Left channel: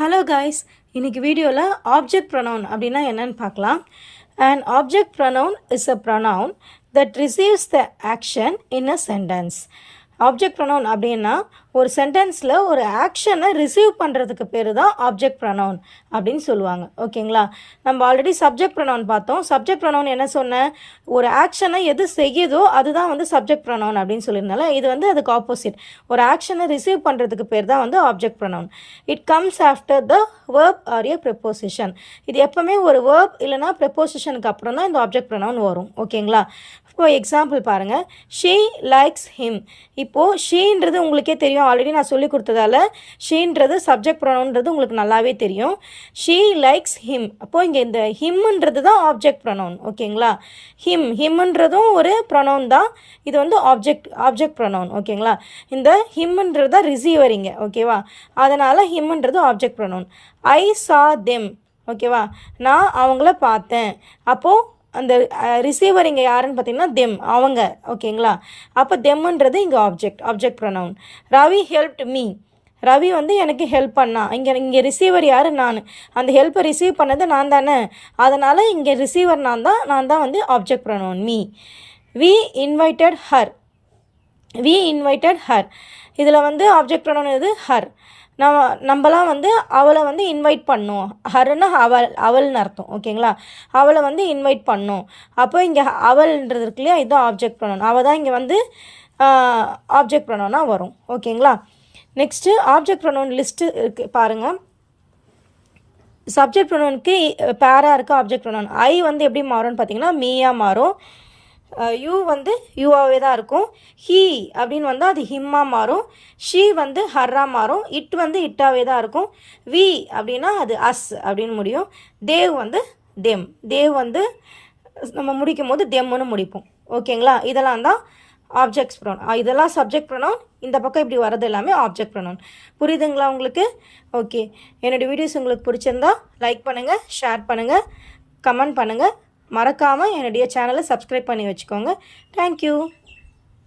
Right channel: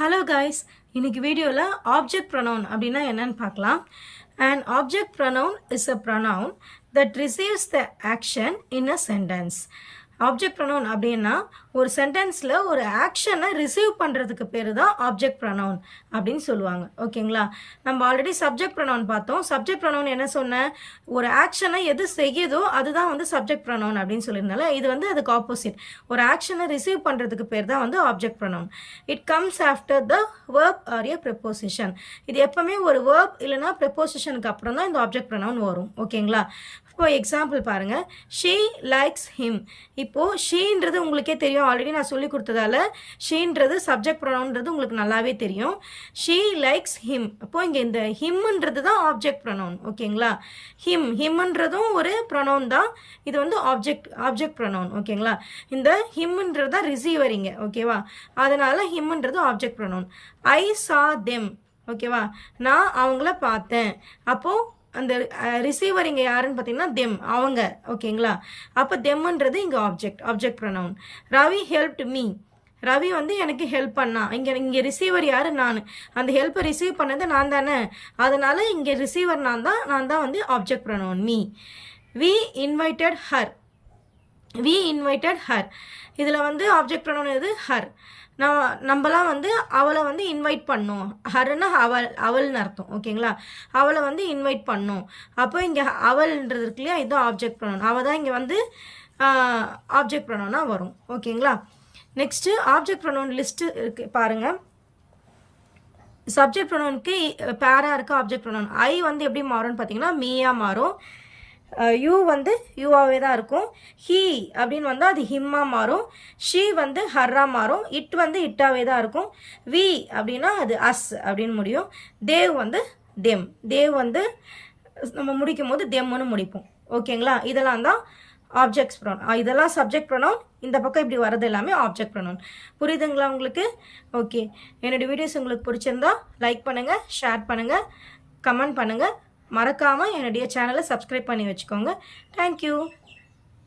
Hello guys, இன்னைக்கு வீடியோல object pronoun அப்படினா என்னன்னு பார்க்கலாம். An object pronoun is a pronoun that receives the action in a sentence. Object pronoun அப்படினா ஒரு சென்டென்ஸ்ல ஒரு ஆக்ஷனை ரிசீவ் பண்றதுக்கு பேரு தான் object pronoun அப்படினு சொல்லுவாங்க. ஓகேங்களா? நம்ம ஆல்ரெடி subject pronoun பார்த்தோம். subject pronoun என்ன சொன்னேன்? ஒரு ஆக்ஷனை எது செய்யுதோ அதுதான் வந்து subject pronoun அப்படினு சொல்லிருந்தால இது வந்து அதுக்கு ஆப்போசிட். ஒரு ஆக்ஷனை ரிசீவ் பண்றதுக்கு பேர் தான் வந்து object pronoun. It comes after the verb or a preposition. இது எப்பவுமே ஒரு verb இல்லனா prepositionக்கு அப்புறம் தான் இந்த object pronoun வரும். ஓகேங்களா? இப்போ எக்ஸாம்பிள் பாருங்க. She likes him. இப்போ sheன்றது உங்களுக்கே தெரியும், ஆல்ரெடி நான் சொல்லி கொடுத்ததால sheன்றது சப்ஜெக்ட் ப்ரொனவுன்றது உங்களுக்கு நல்லாவே தெரியும். She likes him. அப்போ இங்கே இந்த himன்றது தான் ஆப்ஜெக்ட் ப்ரொனவுன். ஓகேங்களா? himன்றதும் ஒரு ப்ரொனவுன் தான். இது வந்து ஆப்ஜெக்ட் ப்ரொனவுன். ஓகேங்களா? இந்த himன்றது தான் ரிசீவர் இங்கே. ஓகேவா? அதனால himன்றது object pronoun. I saw them. ஓகேவா? நான் அவங்கள பார்த்தேன். அப்போது அந்த ரிசீவர் இங்கே யாருன்னு பார்த்தீங்கன்னா தெம், அவங்க. ஓகேங்களா? அப்போ தெம்ன்றது இங்கே object pronoun. Ravi helped me. Ravi வந்து எனக்கு ஹெல்ப் பண்ணா. இங்கே ரிசீவர் யார்? நான். அந்த ஹெல்ப்பை ரிசீவ் பண்ணது நான் தானே, அதனால் இங்கே ரிசீவர் நான் தான் வந்து object pronoun me. We invited her. இதில் வந்து ஆப்ஜெக்ட் ப்ரொனவுன் இது ஹர். நம்மலாம் வந்து அவளை வந்து இன்வைட் பண்ணோம். ஹர்னா அவள்னு அர்த்தம். ஓகேங்களா? அவளை வந்து இன்வைட் பண்ணோம். அப்போ இங்கே அவள்ன்றது இருக்கு இல்லையா, இதுதான் ஆப்ஜெக்ட் ப்ரொனவுன். அவள் தான் இங்கே வந்து ஆப்ஜெக்ட் ப்ரொனவுனாக வரும். ஓகேங்களா? நெக்ஸ்ட்டு ஆப்ஜெக்ட் ப்ரொனவுன் லிஸ்ட்டு இருக்கு பாருங்கள். சப்ஜெக்ட் ப்ரொனவுனுக்கு பேராக இருக்க ஆப்ஜெக்ட் ப்ரொனவுன். ஐ வந்து எப்படி மாறும்னு பார்த்தீங்கன்னா மீயாக மாறும். யூ வந்து யூவாகவே தான் இருக்கும். ஹீ அப்படின்னு வந்தால் அது ஹிம்மாக மாறும். ஷீ வந்து ஹர்ராக மாறும். இட் வந்து இட்டாகவே தான் இருக்கும். வி அப்படின்னா அது அஸ் அப்படின்னு முடியும். தேவ் வந்து தெம். தேவ் வந்து நம்ம முடிக்கும் போது தெம்னு முடிப்போம். ஓகேங்களா? இதெல்லாம் தான் ஆப்ஜெக்ட்ஸ் ப்ரொனவுன். இதெல்லாம் சப்ஜெக்ட் ப்ரொனவுன். இந்த பக்கம் இப்படி வர்றது எல்லாமே ஆப்ஜெக்ட் ப்ரொனவுன். புரியுதுங்களா உங்களுக்கு? ஓகே, என்னோடய வீடியோஸ் உங்களுக்கு பிடிச்சிருந்தா லைக் பண்ணுங்கள், ஷேர் பண்ணுங்கள், கமெண்ட் பண்ணுங்கள். மறக்காமல் என்னுடைய சேனலை சப்ஸ்கிரைப் பண்ணி வச்சுக்கோங்க. தேங்க்யூ.